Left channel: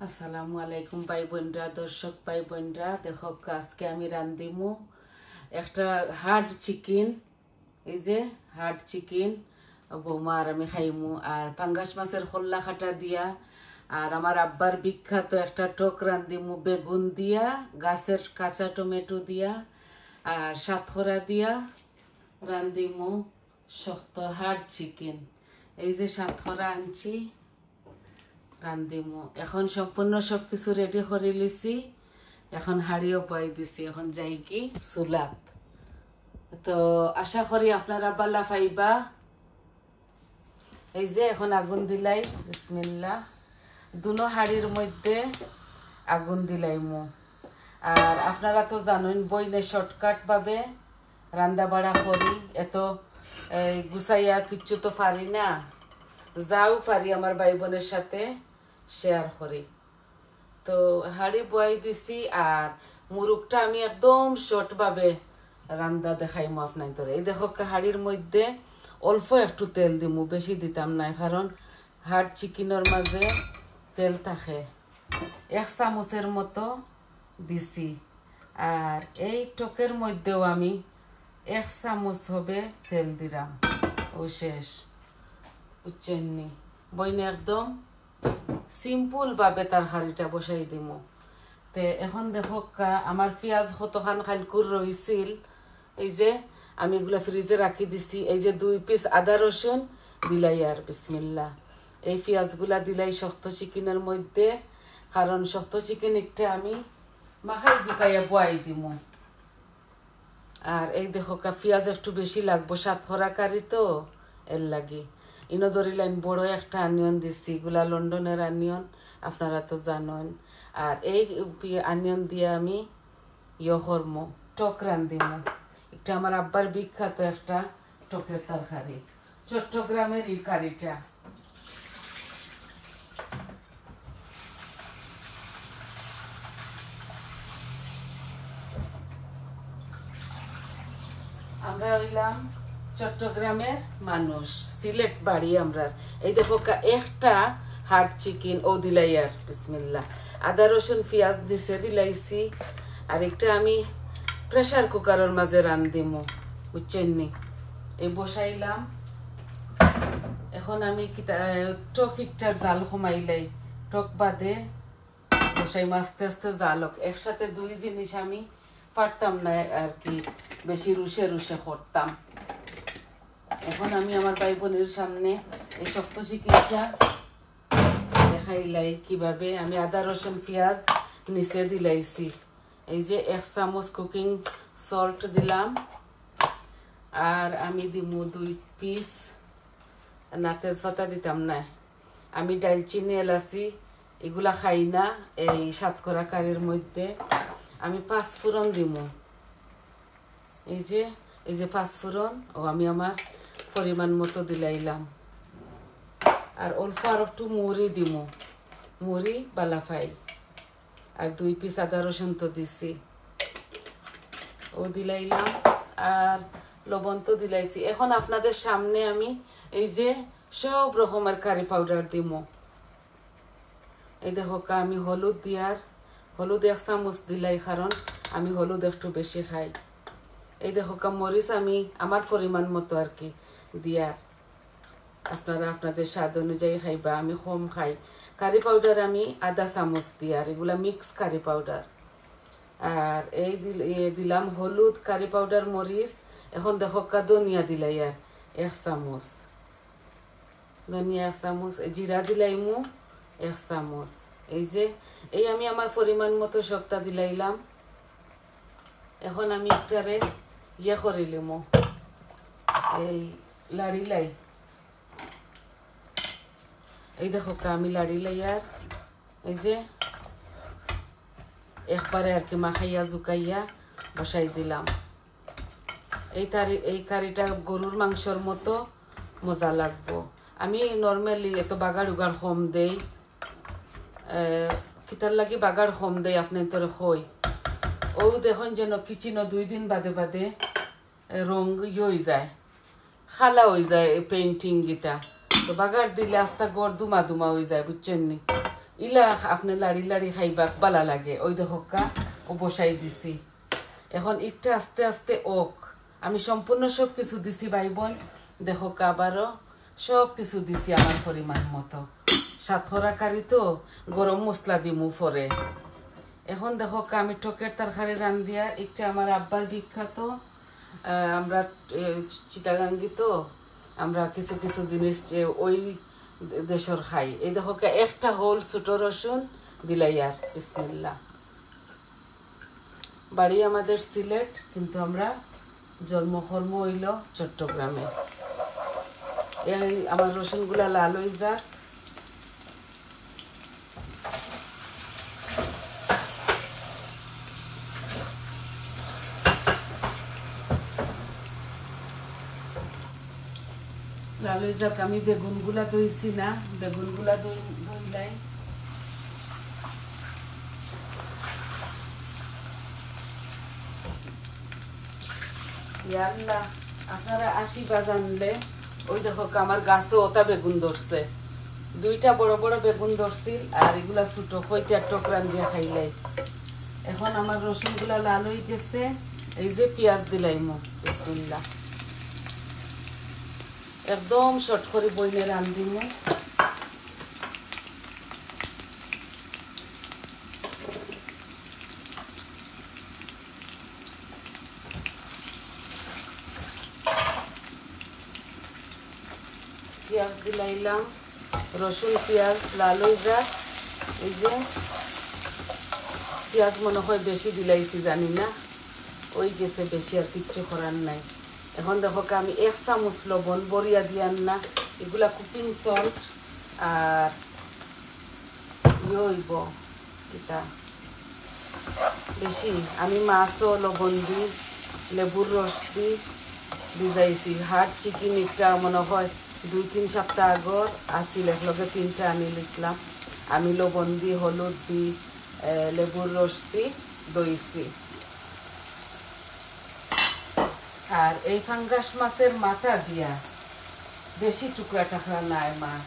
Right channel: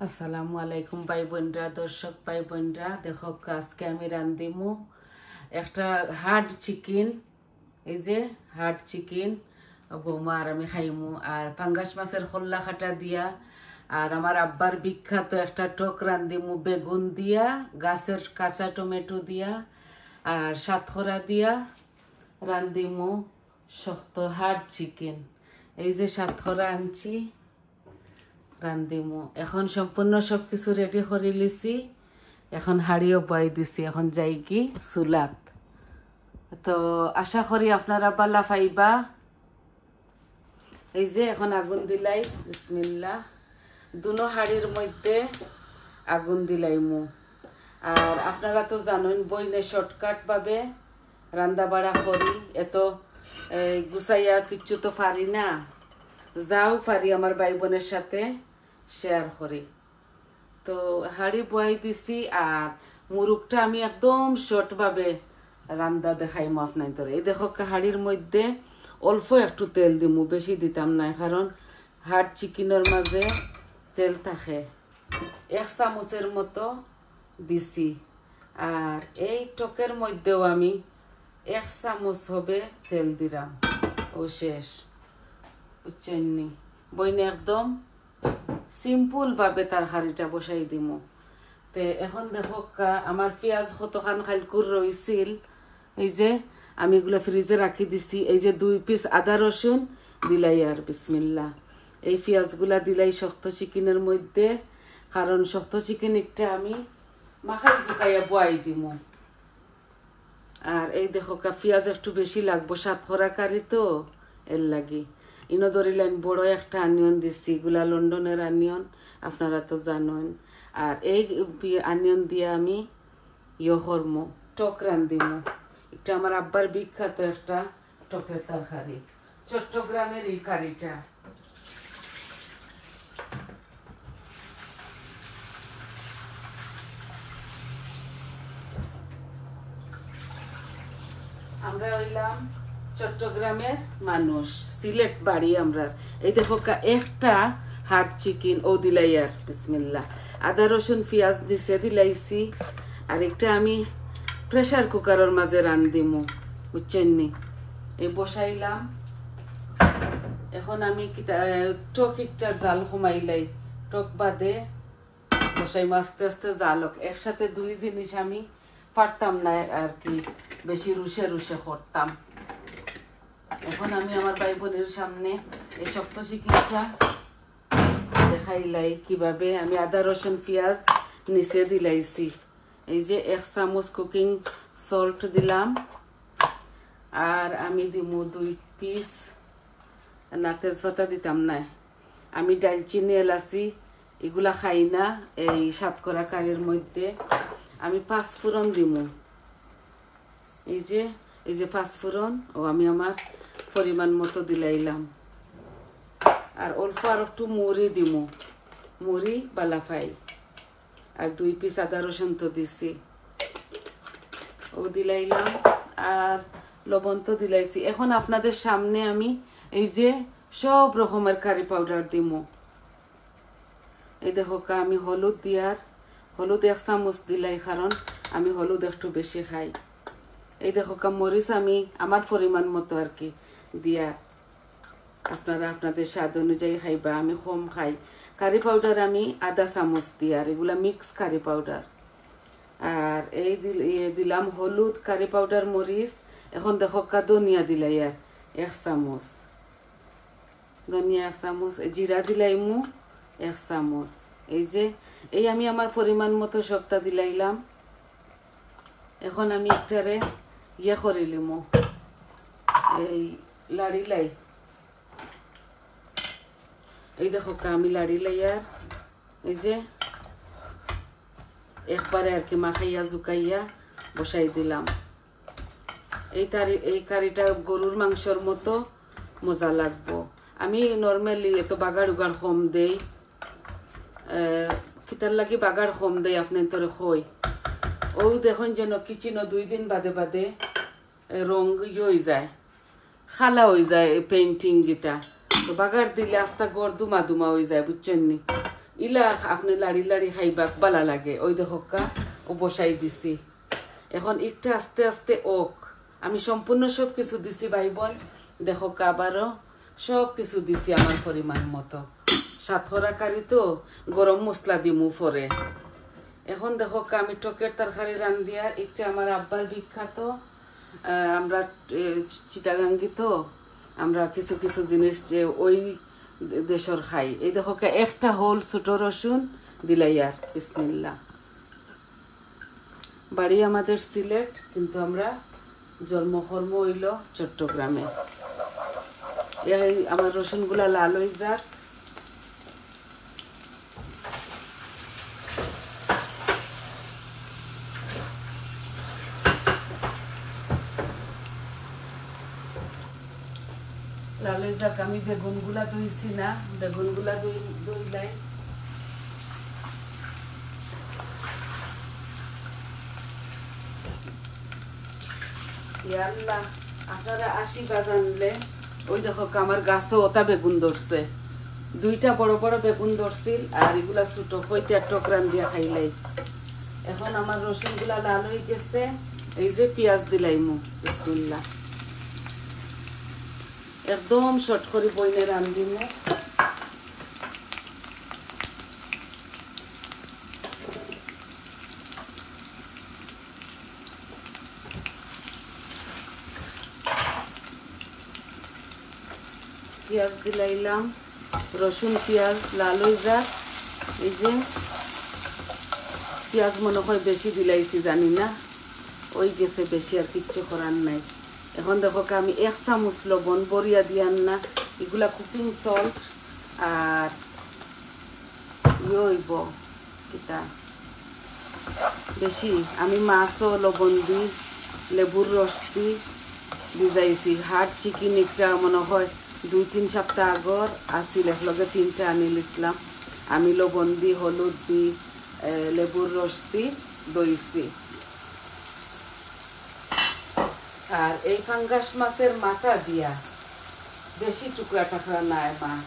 আসসালামু আলাইকুম ভাই বোনরা, দর্শক ভাই বোনরা। দেখো আজকে আমি রান্ধিমু একটা হার্ড চিকেন। এই যে হার্ড চিকেন বৌমা আর আমি খাইমু, আর পাঙ্গাস মাছের খোল্লা খাটা দিয়া, আর আমার আব্বার বিখ্যাত একটা টক রান্ধিমু বেগুন দিয়া, গাছের কাঁচা টমেটো দিয়া আর সাতখরা দিয়া রান্ধিমু শক্ত হার্ড চিকেন। এই যে সাতখরা আনছি, রান্ধিমু। এখন সম্পূর্ণ সব কিছু রেডি করে লিছি, এখন হাড়িও বয় দিছি, এখন যাই কি চুলাত। তো আশা করি আপনারা বালা পাইবা। এই যে এখন আগুন দিলাই, বিসমিল্লাহ। দুনো হাড়ির মধ্যে আগুন দিলাইমু। আর আপনারা তো জানেন বইনে শর্টকাট ভাবে রান্না বাড়া করি, এত গুছাইয়া কিচ্ছু তো পারি না, যাও পারি আমার ভাই বোনের সাথে শেয়ার করি। তো হাড়ি বয়াই দিছি, আর মুরুগটা আমি একদম শর্ট ভাবে রান্না দেখাইমু আপনাদের। এই দেখো হাড়ির মধ্যে অল্প একটু তেল দিমু, বেশি দিতাম না, কারণ হার্ড চিকেনের মাঝে তেল থাকে। 1 চামচের মতো দিছি। আর এই টকের মধ্যেও আমি 1 চামচ হবে তেল দিলাম, ও শেষ। উচ্চন্নি বইনে একদম সিম্পল ভাবে তরকারিটা বসাই দিমু। তে এখন দেখো আমার পেঁয়াজ কতখান খালকুর রইছিল, এই যে আমি এগুলো ফ্রিজে রাখি দিছি। এই যে 2 পিস আদা রসুন দিলাই, আর বিসমিল্লাহ। এই পেঁয়াজগুলা দিলাই শক্ত চিকেনের মধ্যে, কারণ শক্ত চিকেন একটা আমি মাখাই জুকাইয়া বয়াই দিমু। আর এই দেখো পেঁয়াজ একটু বেশি লাগবো, সাতখরা কারি তো, এর লাগি। ইনো ধরিলেন বড় একটা আনিয়ন দিচ্ছি, এগুলা লন্ডনের আনিয়ন, আপনারা তো জানেন। আর এই আনিয়ন দিয়ে আমি করবো টক রান্ধিমু। এটা আমার আব্বার বিখ্যাত একটা টকের তরকারি, চট্টগ্রামের এই কারিটা। আমরা হইলাম চট্টগ্রামের মানুষ, সিলেট বাড়ি আমরা। এই দেখো একটা হার্ড চিকেন ও দিলাই, আর বিসমিল্লাহ। আদা রসুন পেঁয়াজ দিছে দিলাইছি। আর একটা আমি প্রেসার কুকারের মাঝে রান্ধিমু, বুঝছেননি। এই বসাইলাম। এখন আমি টক একটার জাল কমাইলাই, টক বাদে বসাই আস্তে আস্তে জাল হোক। একসাথে 2 জিনিস আমি পারতাম না আর কি, বেশি রুষে রুষে করতাম। এখন আমি আমার ভাই বোনের সামনে এই শক্ত চিকেনটা দেখাইলাই কিভাবে আমি আদা রসুন পেঁয়াজ নিচে দিলাইছি। এই যে 1 চামচ কুকিং সল্ট দিলাম, আর আমি দিমু 2 পিস, না তেজপাতা দিতাম না, আমি ডালচিনি এলাচি এগুলা খাই না। এই সাতকরা কারির মধ্যে আমি 5 ফোড়ন দিমু। এই যে 5 ফোড়ন ও আমি আমার পরিমাণ মতো দিলাইলাম। আর অল্প আর একটু মুড়ি দিমু, মুড়ি বালাফাই। আর 2 পিস আদা রসুন তো দিছি, ও দিলাইলাম। আর লবণ তো দিলাইছি। এখন আপনাদের সামনে আমি এই যে সব রকমের কারি পাউডার দিমু। এই দেখো আমি হলুদ 1 চামচ দিলাই, কারণ আমি হলুদ একটু বেশি খাই। এই দেখো মরিচ আমি আমার পরিমাণ মতো আর কি দিয়া, আপনারা আপনাদের স্বাদ অনুযায়ী খাইবা, আমি কম খাই। কারি পাউডার আমি 1/2 চামচ দিই, আর এগুলা মিক্স কারি পাউডার। আর এই দিলাম হলুদ, কারি পাউডার, মরিচ। এখন দেখো ধনিয়া দিলাই, আর 1 চামচ ধনিয়া, 1 চামচ জিরা দিলাইমু, 1 চামচ। এই আমি আমার পরিমাণ মতো সবটা দিলাইলাম। এখন আমি একটারে করিলিমু, এই লাড়িলাই। এই দেখো আমি লাড়িলাই, আর এই যে একবারে আর কি মাখাইয়া জুকাইয়া বসাই দিলাম। এই কারিটা গরুর মাংসর মতো মজা লাগবো। আমি নর্মালি এত বাগার উগার কম দেই, কিতার লাগি বাগার কম দেই আপনার তোরে কই। ও দেখুন যেন কিচিনো 2 দিন বাদে বাদে রং হয়ে যায়, খালা হয়ে যায় পেইন্টিং গীতা। তো বাগার দিলে আস্তা গড় দুমা দুমা হয়ে যায়, বুঝছেন নি। ইলা আপনি লাড়ি লাড়ি খাইবাক বালা লাগে ওই দেখোকা ও বসাই দিছি এখন একটা আস্তে আস্তে ওক আমি সম্পূর্ণ সব কিছু দিছি ভাই বোন দেখোকা আবারও সব কিছু দিছি আমার পরিমাণ মতো সাতরা কারি তো গরম মশলা দিমু পরে এখন দেখোকা আমি টকের তরকারি রান্ধিয়া একটা আমার আব্বার বিখ্যাত আমরা চিটাগাঙ্গি তো আমরা কিছু কিছু জিনিস যে ওই দেশের খাই এই দেখো একটা হোল ছোট রসুন দিলাইয়ার বিসমিল্লাহ বাড়ি আমাদের সিলেট কিন্তু আমরা জন্মকর্ম হইল চট্টগ্রামে এই আমার রসুনগুলা লাল হয়ে যাক লাল হয়ে যাক আমি বেগুনগুলা ধুইছি না বেগুনগুলা ধুইলাই আল্লাহ আপনারা আশীর্বাদ আনলে ওই দেখো আমার গাছে ওটা বেগুন ধরছে দুইটা বড় বড় বেগুন ধরছিল আর এগুলা ছোট হইতে টকরান দিয়ে খাইলাই এখন আমার রসুনগুলা লাল হয়ে গেছে এই যে পেঁয়াজ দিলাইমু বিসমিল্লাহ একদম শর্ট করে বইনে রান্ধিমু পেঁয়াজ দিলাইলাম রসুন পেঁয়াজ লাল হয়ে যাক এই যে পেঁয়াজ মনে হয় বেশি দিলাইছি জানি না ওই গেছে বেশি আর কিচ্ছু করার নাই এখন দেখো আমি 1 চামচ লবণ বড়িয়া দিয়ান না এগুলা কুকিং সল্ট আর ইয়ইব এটা বেশি আমি মাছও লবণ দিই লেবুর রস দিই ভিজাইছি হাট চিকেন একটা মনে হয় 2-3 সপ্তাহ আগর আসিল একলগে 3টা আনিল ইসলাম আমি লবণ দি হলুদ দি লেবুর রস দি দইছি আর এই ফাঙ্গাস মাছের মাথা দিয়া বেশি টুকরা টাকরা নাই মাছ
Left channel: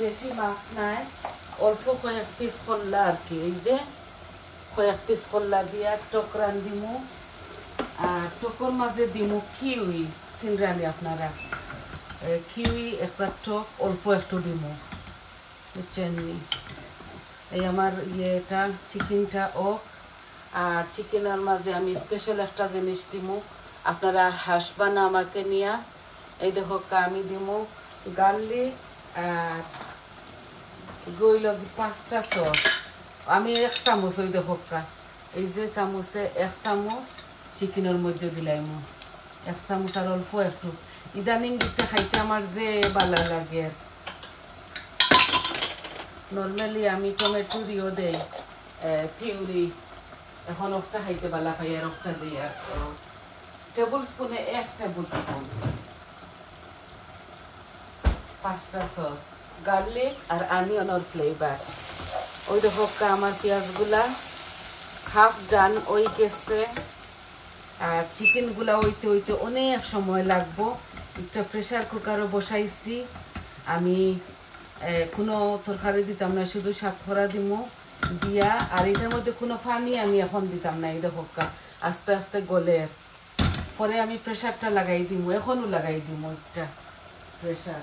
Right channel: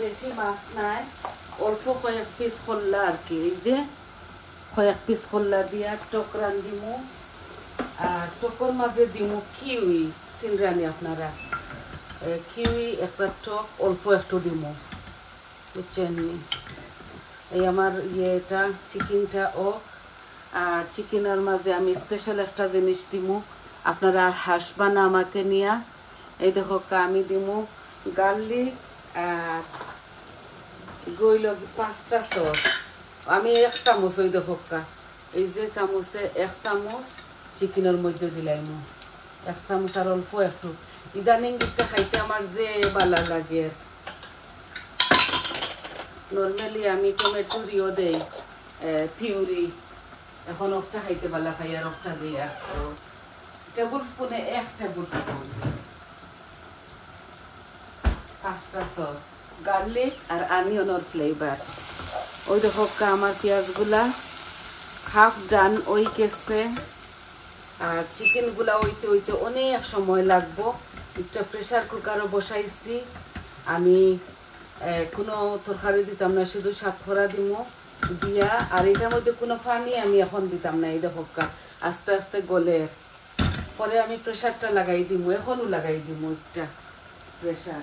বেশি মাছ নাই অল্প কয়েক পিস করলা আর কি এই যে কয়েক পিস করলা দিয়া টকরান দিমু আর টকর মাঝে দিমু কিউই সিনরানি আপনারা কিউই একটা টক অল্প একটু দিমু বুঝছেন এই আমার ইয়েটা চিকেনটা ও আর চিকেনের মাঝে আমি স্পেশাল একটা জিনিস দিমু আপনারা হাসবা না আমাকে নিয়া এই দেখো আমি দিমু গার্লিক আর গইল 5টা সস আমি 1 চামচ ওই দেখো এই যে চামচে 1 চামচ চিকেনের মধ্যে দিলাম 1 চামচ আর অল্প একটু ইদানিং দিতে খাইতে আমার যে ভালো লাগে নর্মালি আমি টমেটো দিও দেই পিউরি এখন একটা খাইতে ভালো খাই আর একটা দিই আর টেবিল স্পুনে 1 টেবিল স্পুন 5টা সস গার্লিক আর অনিয়নের ফ্লেভার ওই দেখো আমার পেঁয়াজগুলা হাফ ডান ওই গেছে আর চিকেনগুলা হইতে হইতে অনেক সময় লাগবো একটা প্রেসার কুকারও বসাইছি আমি কোনো তরকারি দিতাম না শুধু সাতখরা দিমু দিয়া আর এটার মধ্যে কোনো পানি আমি এখন দিতাম না এই দেখো আস্তে আস্তে গলে পরে আমি প্রেসারটা লাগাই দিমু এখনও লাগাই দিমু একটা প্রেসার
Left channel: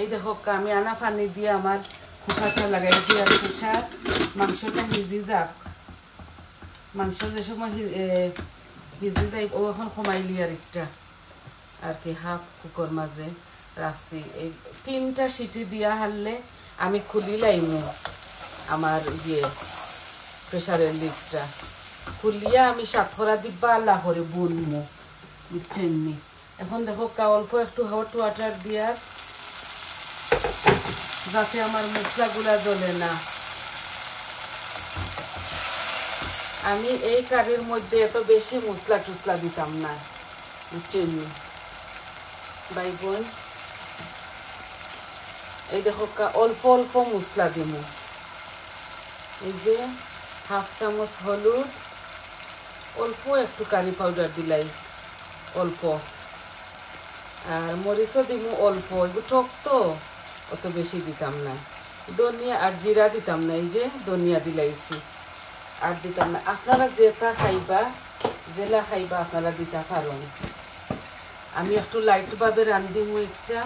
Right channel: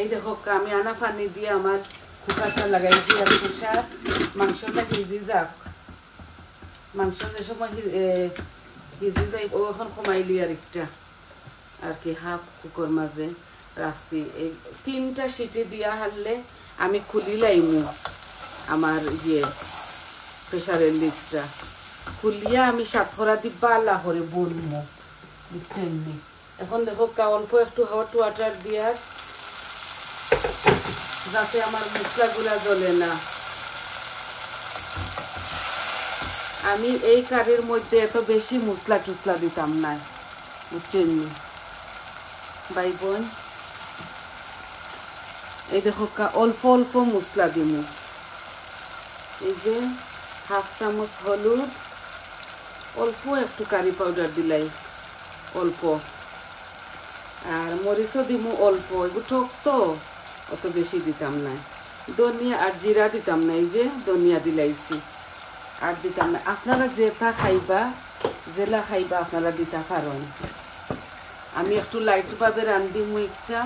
এই দেখো আমি আনা পানি দিয়ে আমার কুকারটা লাগাই দিই আর প্রেসার মাংসটা ভিজি যাক মাংস যে সময় ভিজি যাই ও এখন কমাইলি আর একটা আর কি হাফ কুকার মাঝে রাখছি এই 3টা সিটি দিয়া হারলে আমি খুলি লাইমু আমার প্রেসারের লিডটা খুলিয়া আমি সাতখরা দিব্বা আল্লাহ করে বলবো বুঝছেন এখন দেখো অল্প একটু হট ওয়াটার দিয়া যাতে আমার মশলাগুলা জ্বলে না আমি এই কারির মধ্যে এত বেশি মশলা টসলা দিতাম না বুঝছেন ভাই বোন এই দেখো অল্প অল্প মশলা দিব। এই যে হাফ চামচ হলুদ, অল্প একটু কারি পাউডার দিলাই অল্প, আর মরিচও দিব অল্প, এগুলো টক তো অত বেশি দিতাম না। ধনিয়া আর জিরা দিতাম না, এই যে ধনিয়া দিলাইছি, আর দিতাম না। আপনারা যেটা খাইবা জেলা খাইবা আপনারা দিতে পারেন। আমি একটু লাইটভাবে রান্ধি মুইটা,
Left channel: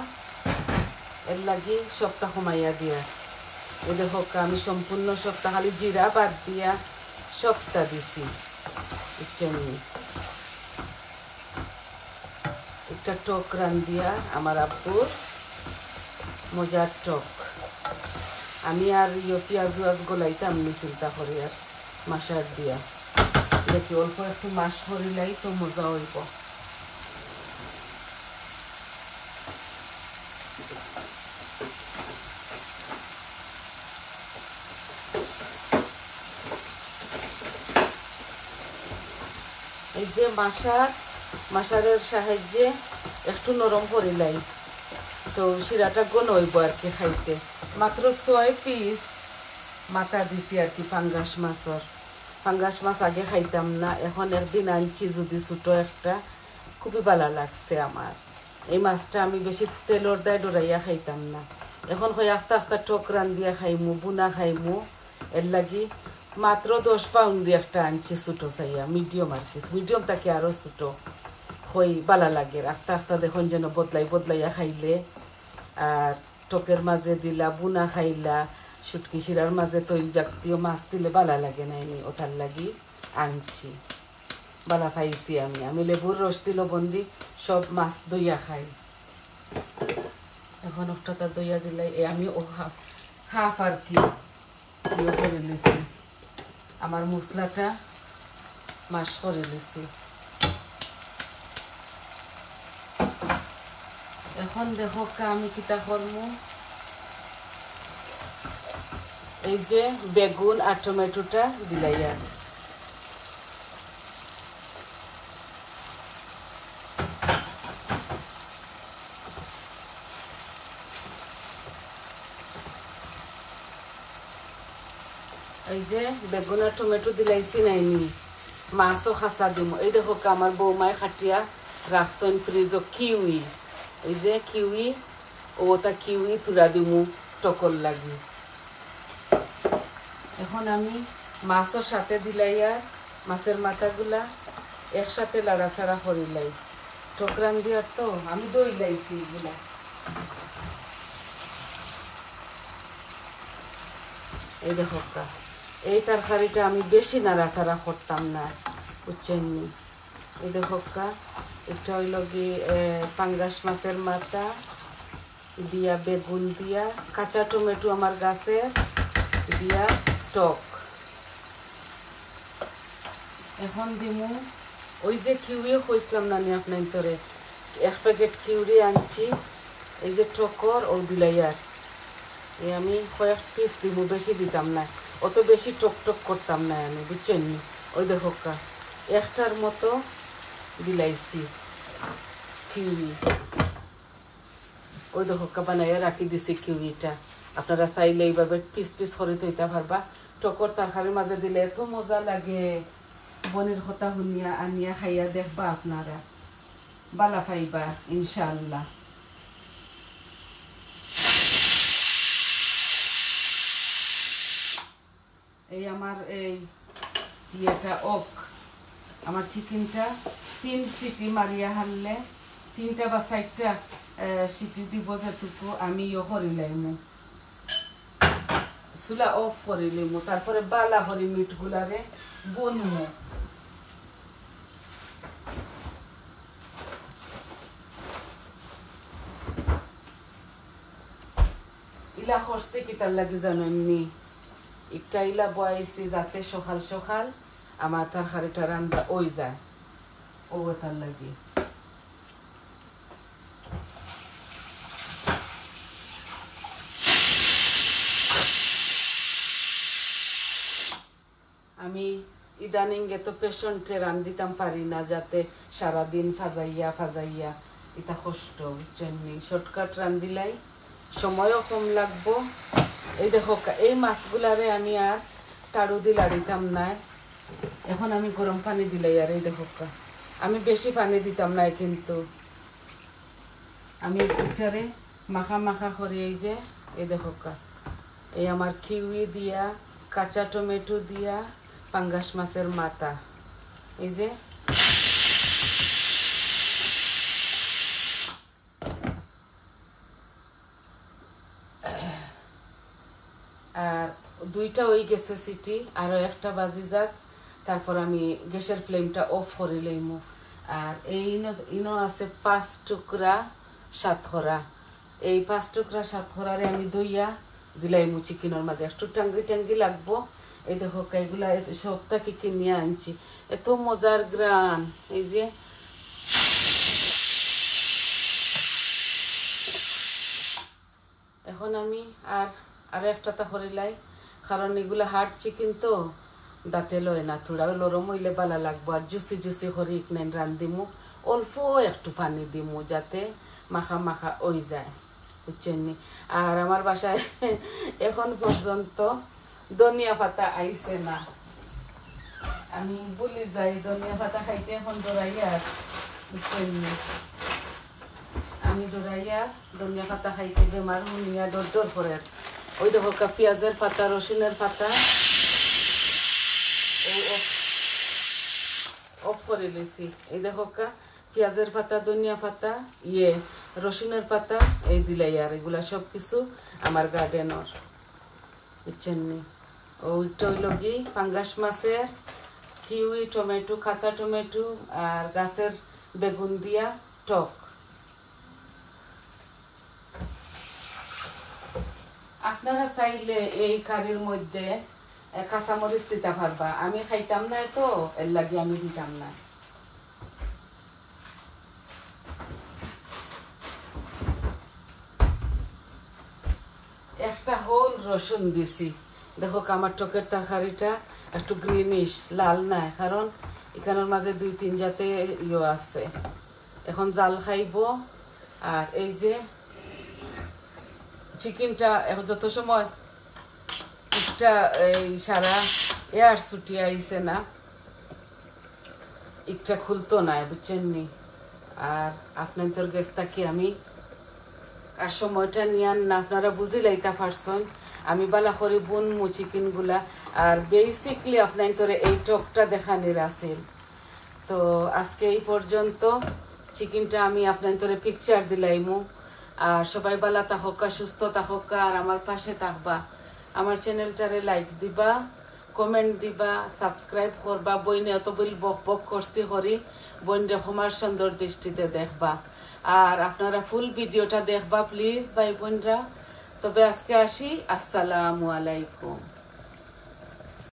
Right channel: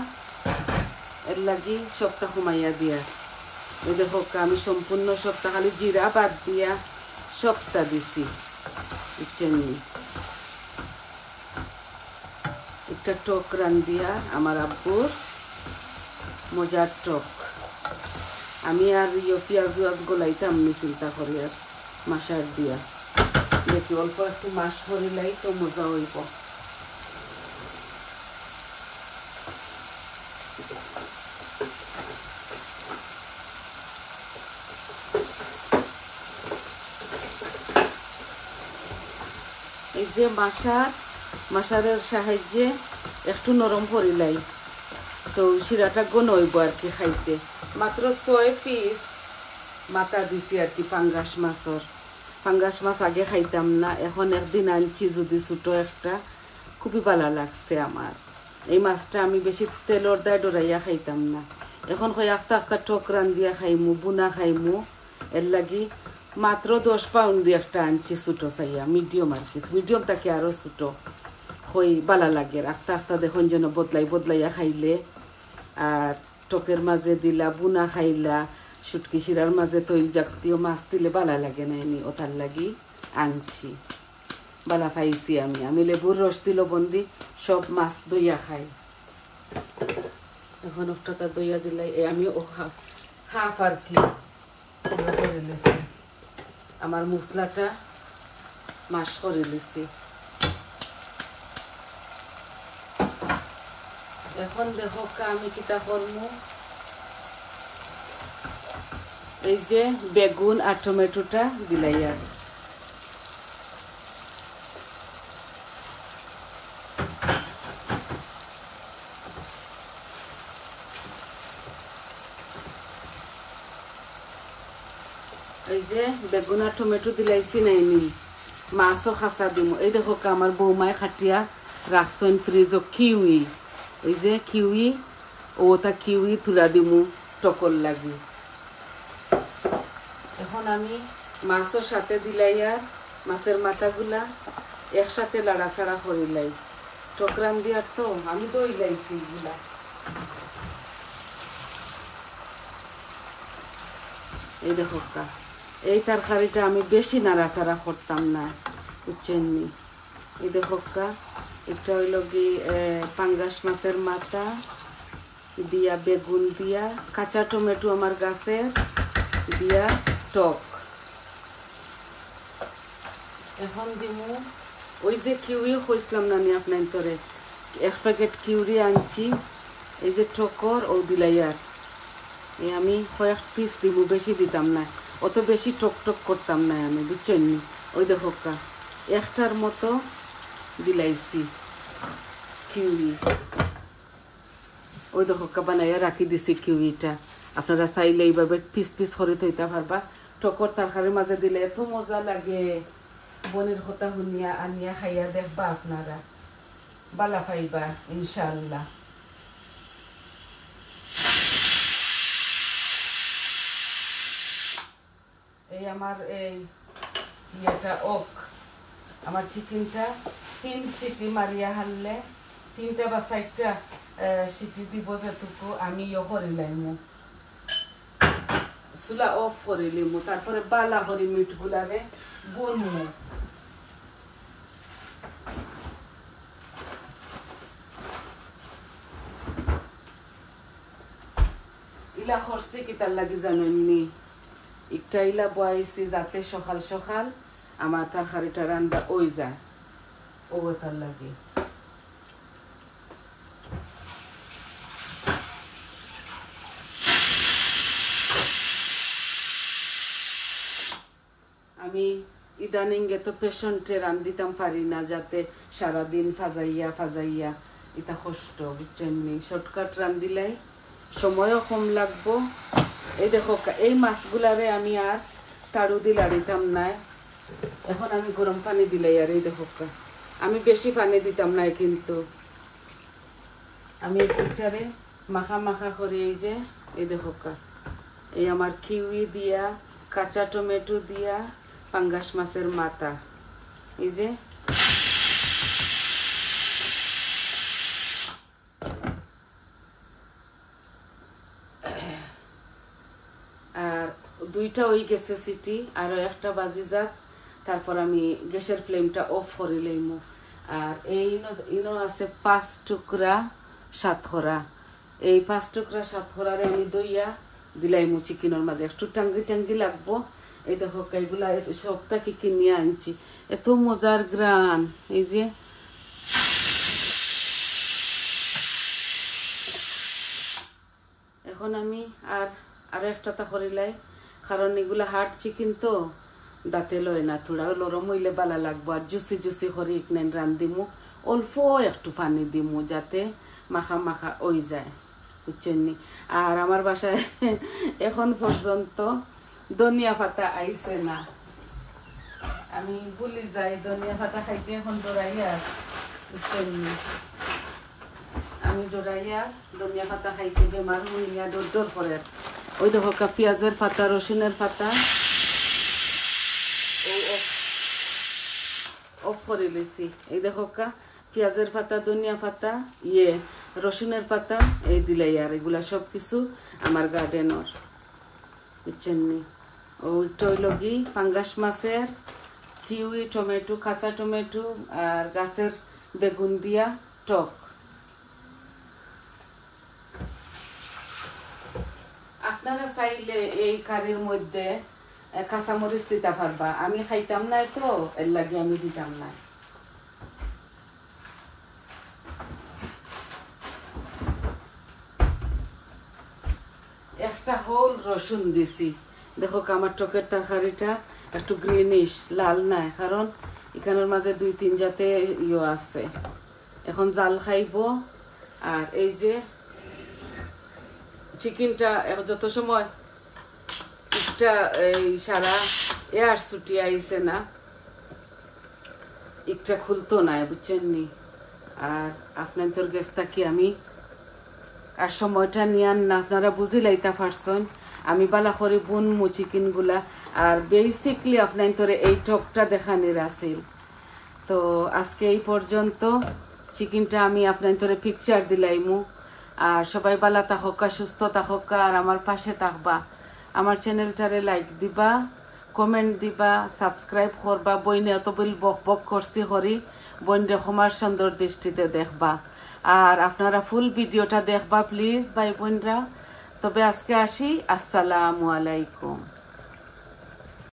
এর লাগি সবটা কমাইয়া দিয়া। এই দেখো আমি সম্পূর্ণ সবটা খালি জিরা বাদ দিয়া সবটা দিছি। একটা টক রান্ধিয়া আমার আব্বুর মজার টক। আমি আর পেঁয়াজ গোলাইতাম নি চিন্তা করি, আর মাসার দিয়া দেখি অল্প একটু মাছ করিলাই তো মজা হইব। এই যে মাসারের সাহায্যে একটু নরম করিলাই তো শিরাটা গণ হইব আর কি খাইতে। মাত্র 6 পিস মাথা দিছি আর কি পাঙ্গাস মাছের। পাঙ্গাস মাছ আগে খাইতাম না, এখন একদিন আনছি যদি ছোটো একটা, খুবই ভালো লাগছে আমার। এই মাছটা আমি বেশি তেলর দায় ডরাইয়া খাইতাম না, এখন কই একটা টক রান্ধিয়া খাইমু, বুনা খাইমু। এর লাগি মাত্র 10 পাউন্ড দিয়ে একটা আনছি ছোটো চাইয়া, মিডিয়াম আর কি, মিডিয়াম তাকে আরও ছোটো হই ভালো লাগে। একটা দেখুন যেন বদলাইয়া খাইলে, আর টকের মাঝে দিলা বুনা খাইলা, শুটকি শিরার মাঝে তৈল জাতীয় মাছ দিলে ভালো লাগে না, এনে ওটার লাগি আনছি। ভালো খাইছি আমি লেবুর রস দিল বন্দি সব মাছ দইয়া খাই। এখন একটা দইয়া দিলাই আমি হাফ আর কি করে নিছি, আমার মশলাটা মাছ করে নিছি। এখন দেখো আমি কিটা করবো, এই যে বেগুন আর টমেটোটা দিলাই, আর এই যে বেগুন আর টমেটো দিলাইছি নাইনি, মাছও খাসা দিম। এই দেখো আমার বৌমায় খাটিয়া রাখছেন ফ্রিজও কিউই, ওই যে কিউই ওটা কিউই তুলা দিমু টকর লাগি। এখন আমি মাছের সাথে দিলাই, আর মাছের মাথাগুলা একসাথে লাড়াচাড়া করিলাই। টকরান দিয়ার তো আমি দই লাইছি এগুলা। এই দেখো এই তরকারিটা আমি বেশি নাড়াচাড়া করতাম না, বুঝছেন। এই দেখো এটা হইল কি পাঙ্গাস মাছের মাথা দিয়া, বেগুন দিয়া, কাঁচা টমেটো আমার গাছে দিয়া টক। এখন দিমু ওই যে কিউরিও কইছিলাম না আমি আপনার তোরে, 1 প্যাকেট কিউরি আনছি, এই যে টকর ও দিলাইয়ার আমি কয়েক পিস দিব, বেশি দিতাম না, অত বেশি টক করতাম না আমি, বুঝছেন। ওই দেখো একটার মতো দিলাইছি কিউরি, ওই দেখো বানাইয়া রাখি দিছি কিউরিটা। আপনারা চাইলে এইভাবে পিস পিস করে তৈতে পারবা। টকর তরকারির মাঝে দিলে এত মজা লাগে, বনের কথা শুনিয়া আনিয়া খাইয়া দেখবা, আপনারা বালা পাইবা ইনশাল্লাহ। এই আমার এই ইয়েটা আমার চিকেনটা 3 সিটি মারিয়া হারলে 3টা বা 4টা সিটি দিব, যেটুকু আমি করে লাইমু, চুলা অফ করে লিমু, তারপরে বালা করে মিটগুলারে গুনমু। ইলা করছে কি তার লাগি জানেননি, একটা ইলা বয়াইছি যাতে সকাল সকাল আমার তরকারিটা রান্না ওই যায়, ও তার লাগে। আমি ইদানিং তো পেশেন্টে রান দিতাম পারি না, যাতে সারাদিন ফাজাইয়া এটা কষ্ট, বুঝছেন। শর্টকাট রান দিলাই সময়ও কম লাগবো। এই দেখো এই মাছগুলারে আমি আর তাড়ু দিয়ে লাড়িতাম না, এখন আমি গরম পানি দিলাই। আর এই দেখো আমি বেশি পানি দিতাম না, কিন্তু আমি পিঠারে মাখা মাখা করে এই দেখো এই আমার কিউই দিয়া, কাঁচা টমেটো দিয়া, পাঙ্গাস মাছের মাথা, এই যে আর দুইটা হয়ে গেছে সিটি, আরো একটা বাজি যাক, তারপর আমি গ্যাসের ফ্লেমটা অফ করে লইমু। আর এই ইনো আছে 5 টুকরা সাতখরা, এই 5 টুকরা সাতখরারে আমি দইয়া দিলাইমু চিকেনের মাঝে। একটু টাঙ্গি টাঙ্গি লাগবো। এই দেখো এগুলা সবটা কি কিনে আনছি, এত মজার গ্রান। এই যে এখন আমি আরো একটা করিলাই, কারণ এগুলা হার্ড চিকেন তো দাঁতে লয় না, থোড়া নরম হইলে ভালো লাগবো। আর জুসি জুসি করে ইকনেন রান্ধিমু, অল্প একটু পানি দিমু যাতে মাখা মাখা ওই যায়, বুঝছেন নি। আর আমার বাসায় এখন পর্যন্ত ধনিয়া পাতা আইছে না, আমি বলি যাই ধনিয়া পাতা খাইতে এখন ডরাইয়া, বুঝছেন নি। আমি ডরাইয়া ধনিয়া পাতা খাইতে যে মারু নিয়া ডর ডর করে। ওই দেখো পেঁয়াজের পাতা, রসুনের পাতা অফ করে লইছি। এই দেখো পেঁয়াজের পাতা, ধনিয়া পাতা, রসুনের পাতা এই দিলাই। আর এগুলা সবকিছু আমার গার্ডেনর, বুঝছেন নি। ওইটা হইল কি পাঙ্গাস মাছের কিউই, টমেটো, কাঁচা টমেটো আর গাছের বেগুন দিয়া টক। আপনারা চাইলে এই কারির মধ্যে কাঁচামরিচ দিতে পারবা, আমি খাইতাম না তো এর লাগে আমি দিতাম না। একটা হোল রসুন দিছি। দেখো আমার টকের তরকারিটা একটু গ্রিনিশ, লাল না, কারণ এখানের মাঝে 2-3 জাতে আছে। এখন জাল খাইব। আর এই যে চিকেনটা যত সময় একটা এই সারা এয়ার ছুটি আইছে না, একটা খুলতো না, বুঝছেন নি। আর আপনার তোর গেছ থাকি আমি আর সময়টা নিয়ে না, আপনারা বুঝি লাইতা পারছেন আমি বালা করে বুনমু চিকেন গুলা। আর বেসিকলি আপনার তোর এই টকটা দেখানোর আছিল। তো আজকে এই পর্যন্ত, চিকেনটা আমি আপনার তোরে পিকচার দিলাইমু। আর সবাই বালা থাকা, সুস্থ থাকা, আর আমার পাশে থাকবা। আমার চ্যানেলটারে লাইক দিবা, কমেন্ট দিবা, সাবস্ক্রাইব করবা। বইনে এত বল বক বক করছি করি, বইন রকমার সুন্দর দৃষ্টিতে দেখবা। আর আপনারা ফুল ভিডিওটা দেখবা প্লিজ ভাই বোনরা। তবে আজকে আসি, আসসালামু আলাইকুম।